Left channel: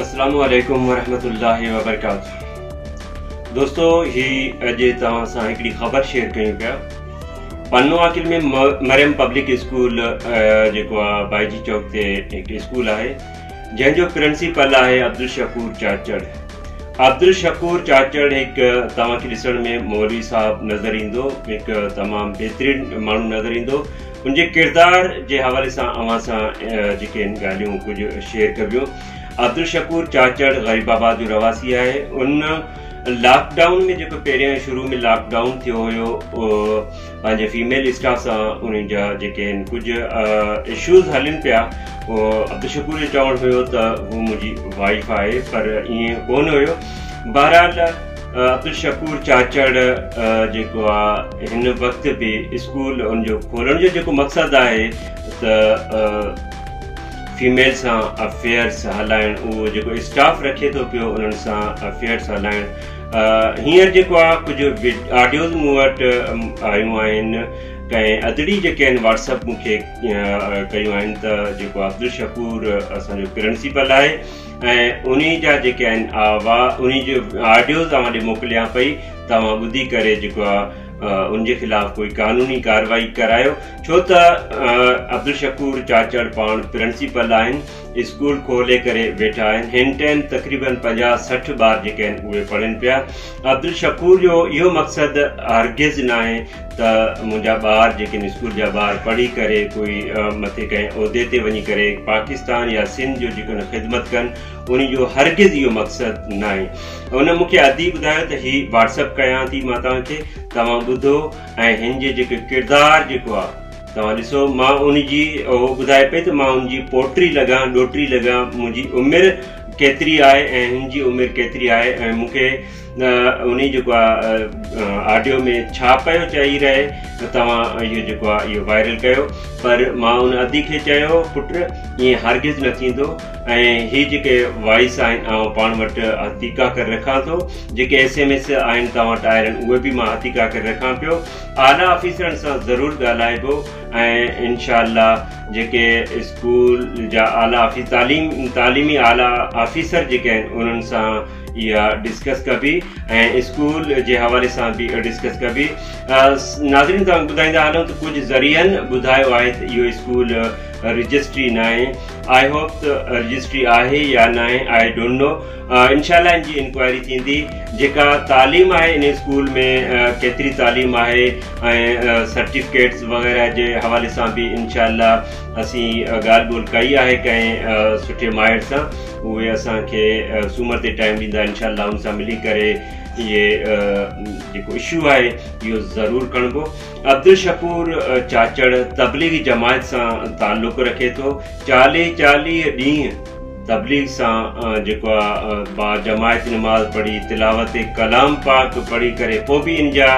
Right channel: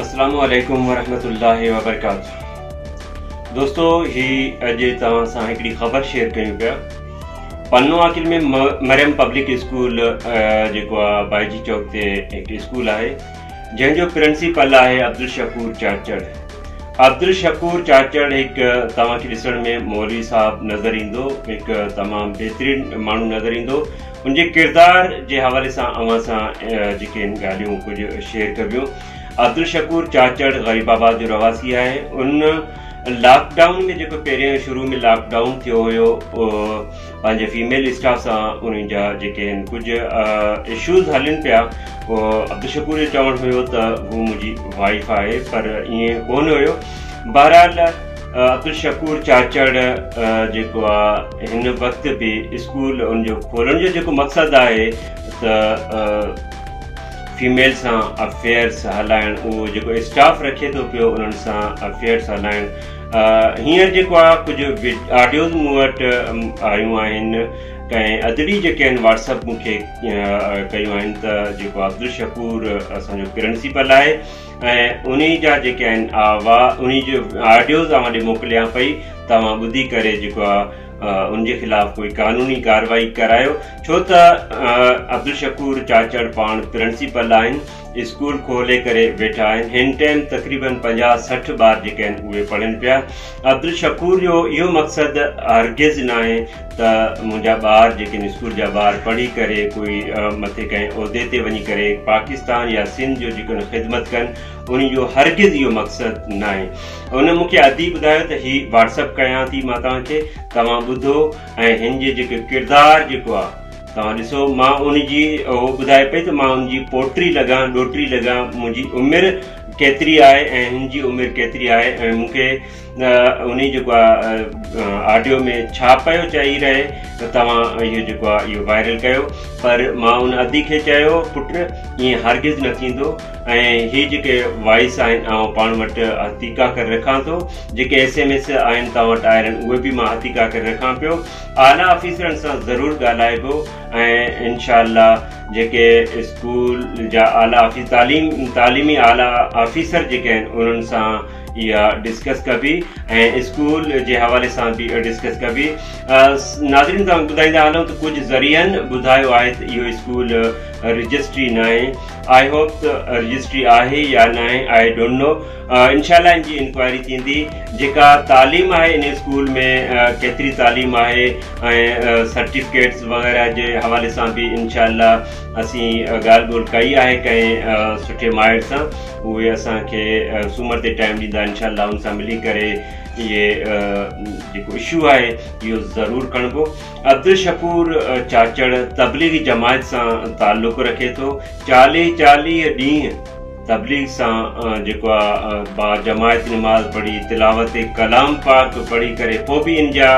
अस्सलामु अलैकुम वरहमतुल्लाहि वबरकातुहू। दोस्तों, ही अॼु तव्हां सां हिकिड़ी ख़बर शेयर कयूं पिया। पन्नो आकिल में मरियम पब्लिक स्कूल जेको आहे बाईजी चौक ते हिकु स्कूल आहे जंहिंजो प्रिंसिपल आहे अब्दुल शकूर चाचड़। अब्दुल शकूर चाचड़ हिकु तव्हांखे ॾिसण में मौलवी साहब नज़र ईंदो, हिकु तमामु बहितरीनु माण्हू नज़र ईंदो। उनजे किरदार जे हवाले सां अवां सां जेके ॻाल्हियूं कुझु शेयर कबियूं। अब्दुल शकूर चाचड़ ग़रीबाबाद जो रवासी आहे। उन लॉकडाउन में जेको पहिरियों शुरू में लॉकडाउन थियो हुयो पंहिंजे फीमेल स्टाफ सां उन्हनि जा जेके आहिनि कुझु इशूज़ हलनि पिया। अब्दुल शकूर जो चवणु हुयो त हू मुंहिंजी वाइफ आहे, पर ईअं कोन हुयो। बहरहाल अब्दुल शकूर चाचड़ जेको आहे हिन वक़्तु बि स्कूल उनजो खोलण जो जेको मक़सदु आहे त फीमेल सां अफेयर्स हलाइण, उहो जेको स्टाफ रखे थो पियो उन्हनि सां अफेयर्स हलाइण। हींअर जेको आहे कुझु ऑडियोज़ मूं वटि आयूं आहिनि, कंहिं अदड़ी जेके आहिनि व्हाट्सअप मूंखे कयूं आहिनि त जेको अब्दुल शकूर असांजो प्रिंसिपल आहे ऐं उन जा जेके आहिनि उन जो ऑडियोज़ तव्हां ॾे मोकिलियां पई। तव्हां ॿुधी करे जेको आहे उनजे ख़िलाफ़ कोई कानूनी कार्रवाई करायो, छो त अब्दुल शकूर चाचड़ पाण प्रिंसिपल आहिनि, स्कूल खोले करे वेठा आहिनि। हिन टाइम तक़रीबन 50-60 ॿार जेके आहिनि उहे पढ़नि पिया। अब्दुल शकूर जो इहो मक़सदु हरगिज़ न आहे त मुंहिंजा ॿार जेके आहिनि स्कूल जा ॿार पढ़ी करे कोई मथे कंहिं उहिदे ते वञी करे पाकिस्तान या सिंध जो जेको ख़िदमत कनि, उन जो हरगिज़ इहो मक़सदु न आहे। उन मूंखे अदी ॿुधायो त हीअ व्हाट्सअप कयां थी मां तव्हांखे, तव्हां ॿुधो ऐं हिन जे जेके किरदार जेको आहे तव्हां ॾिसो। मां उनजी उहो ॿुधाए पई त मां उनजी पोटी लॻां, ॾोहिटी लॻां, मुंहिंजी उमिरि केतिरी आहे ऐं हिन जी उमिरि केतिरी आहे ऐं मूंखे उन जेको आहे ऑडियो में छा पियो चई रहे त तव्हां इहो जेको आहे इहो वायरल कयो। पर मां उन अदी खे चयो, पुट ईअं हरगिज़ न थींदो ऐं हीअ जेके वॉइस आहिनि आउं पाण वटि हथीका करे रखां थो, जेके SMS आहिनि तव्हां वटि आहिनि उहे बि मां हथीका करे रखां पियो। आला ऑफिसरनि सां ज़रूरु ॻाल्हाइबो ऐं इंशाअल्लाह जेके स्कूल जा आला तालीमी आला ऑफिसर जेके आहिनि उन्हनि सां इहा डिस्कस कबी ऐं स्कूल जे हवाले सां बि डिस्कस कबी। नाज़रीन, तव्हां ॿुधाईंदा हलूं त कुझु ज़रियनि ॿुधायो आहे त इहो स्कूल रजिस्ट्री न आहे। आई होप त रजिस्ट्री आहे या न आहे, आई डोंट नो। इंशाअल्लाह इन जी इंक्वायरी थींदी। जेका तालीम आहे इन स्कूल में केतिरी तालीम आहे ऐं सर्टिफिकेट्स वग़ैरह जे हवाले सां बि इंशाअल्लाह असीं ॻाल्हि ॿोल कई आहे कंहिं सुठे माहिर सां। उहे असांखे सूमर ते टाइम ॾींदा, इंशाअल्लाह उन सां मिली करे इहे जेको इशू आहे इहो ज़रूरु खणिबो। अब्दुल शकूर चाचड़ तबलीगी जमायत सां ताल्लुक़ रखे थो। 40 ॾींहं तबलीग सां जेको आहे बा जमायत नमाज़ पढ़ी, तिलावत कलाम पाक पढ़ी करे पोइ बि इन जा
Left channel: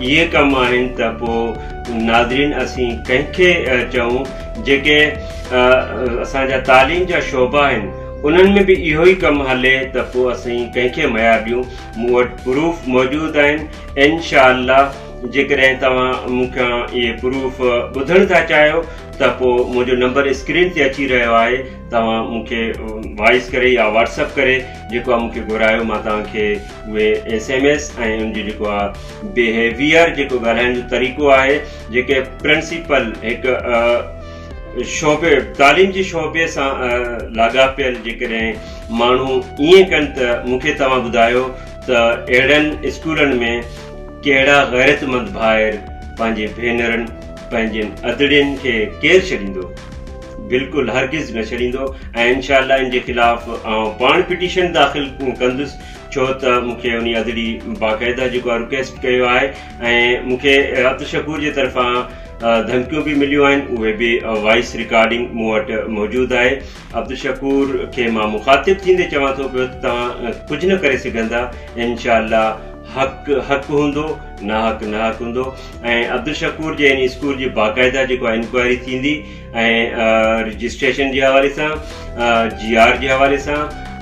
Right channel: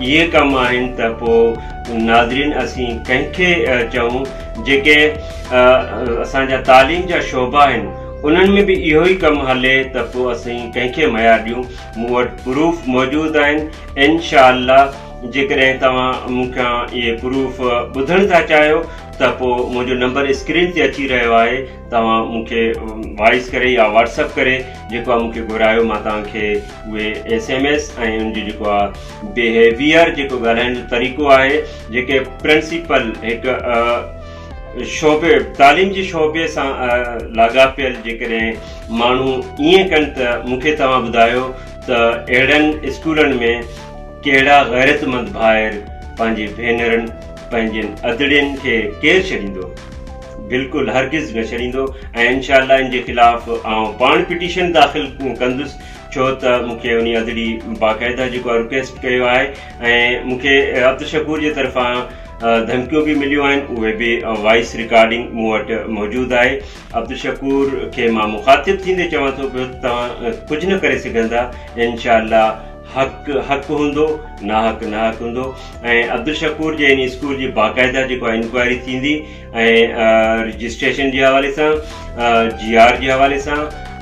इहे कम आहिनि त पोइ नाज़रीन असीं कंहिंखे चऊं जेके असांजा तालीम जा शोबा आहिनि उन्हनि में बि इहो ई कमु हले त पोइ असीं कंहिंखे मयार ॾियूं। मूं वटि प्रूफ मौजूदु आहिनि। इंशाअल्लाह जेकॾहिं तव्हां मूंखां इहे प्रूफ ॿुधणु था चाहियो त पोइ मुंहिंजो नंबर स्क्रीन ते अची रहियो आहे, तव्हां मूंखे वॉइस करे या व्हाट्सअप करे जेको आहे मूंखे घुरायो। मां तव्हांखे उहे SMS ऐं उनजो जेको आहे बिहेवियर जेको ॻाल्हाइण जो तरीक़ो आहे, जेके प्रिंसिपल हिकु शोबे तालीम जे शोबे सां लाॻापियल जेकॾहिं माण्हू ईअं कनि त मूंखे तव्हां ॿुधायो त अहिड़नि स्कूलनि में कहिड़ा ग़ैरतमंद भाइर पंहिंजे भेनरनि पंहिंजनि अदड़ियुनि खे केरु छॾींदो? बिल्कुलु हरगिज़ न छॾींदो। ऐं इंशाअल्लाह इन जे ख़िलाफ़ आउं पाण पिटीशन दाख़िल कंदुसि, छो त मूंखे उन अदड़ी बाक़ाइदा जेको आहे रिक्वेस्ट कयो आहे ऐं मूंखे अब्दुल शकूर जे तरफ़ां धमकियूं बि मिलियूं आहिनि। उहे बि वॉइस रिकॉर्डिंग मूं वटि मौजूदु आहे। अब्दुल शकूर खे मां मुखातिब थींदे चवां थो पियो त तव्हां कुझु न करे सघंदा। इंशाअल्लाह हक़ हूंदो, नाहक हूंदो। ऐं अब्दुल शकूर जे इन स्कूल जी बाक़ाइदा जेको आहे इंक्वायरी थींदी ऐं रजिस्ट्रेशन जे हवाले सां, GR जे हवाले सां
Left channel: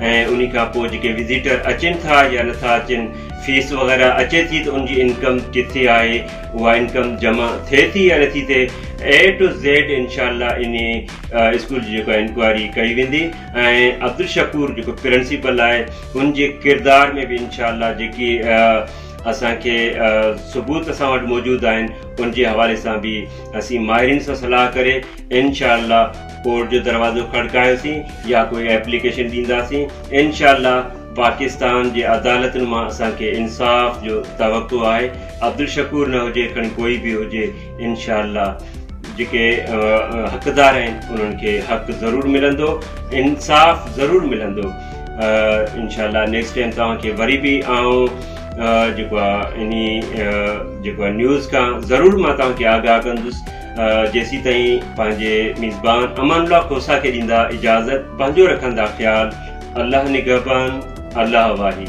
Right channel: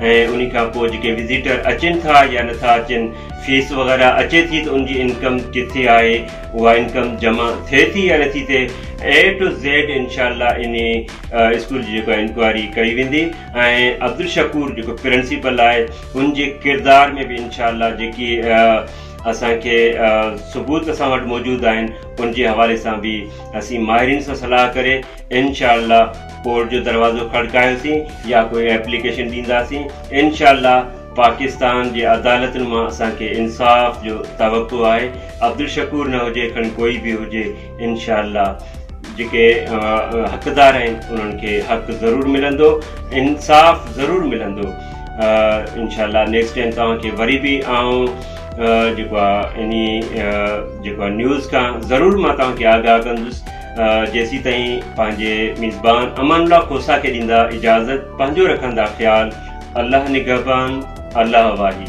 ऐं उन खां पोइ जेके विज़िटर अचनि था या नथा अचनि, फीस वग़ैरह अचे थी त उनजी इनकम किथे आहे, उहा इनकम जमा थिए थी या नथी थिए, A to Z इंशाअल्लाह इन स्कूल जी जेको इंक्वायरी कई वेंदी। ऐं अब्दुल शकूर जेको प्रिंसिपल आहे उनजे किरदार में बि इंशाअल्लाह जेकी असांखे सबूत असां वटि मौजूदु आहिनि उनजे हवाले सां बि असीं माहिरनि सां सलाह करे इंशाअल्लाह कोर्ट जो दरवाज़ो खड़कायोसीं या कोई एप्लीकेशन ॾींदासीं। इंशाअल्लाह पाकिस्तान जे अदालतुनि मां असांखे इंसाफ़ जो तवक़्क़ो आहे। अब्दुल शकूर न हुजे, खणी कोई बि हुजे, इंशाअल्लाह जेके हक़दार आहिनि उन्हनि खे हक़ ज़रूरु मिलंदो, इंसाफ़ ज़रूरु मिलंदो। इंशाअल्लाह नेक्स्ट टाइम तव्हांखे वरी बि जेको आहे जेको आहे न्यूज़ खां ज़रूरु मां तव्हांखे आगाह कंदुसि। जेसीं ताईं पंहिंजे मेज़बान अमानुल्लाह खोसा खे ॾींदा इजाज़त, पंहिंजो रखंदा ख़्यालु। अल्लाह निगहबान, अल्लाह वाही।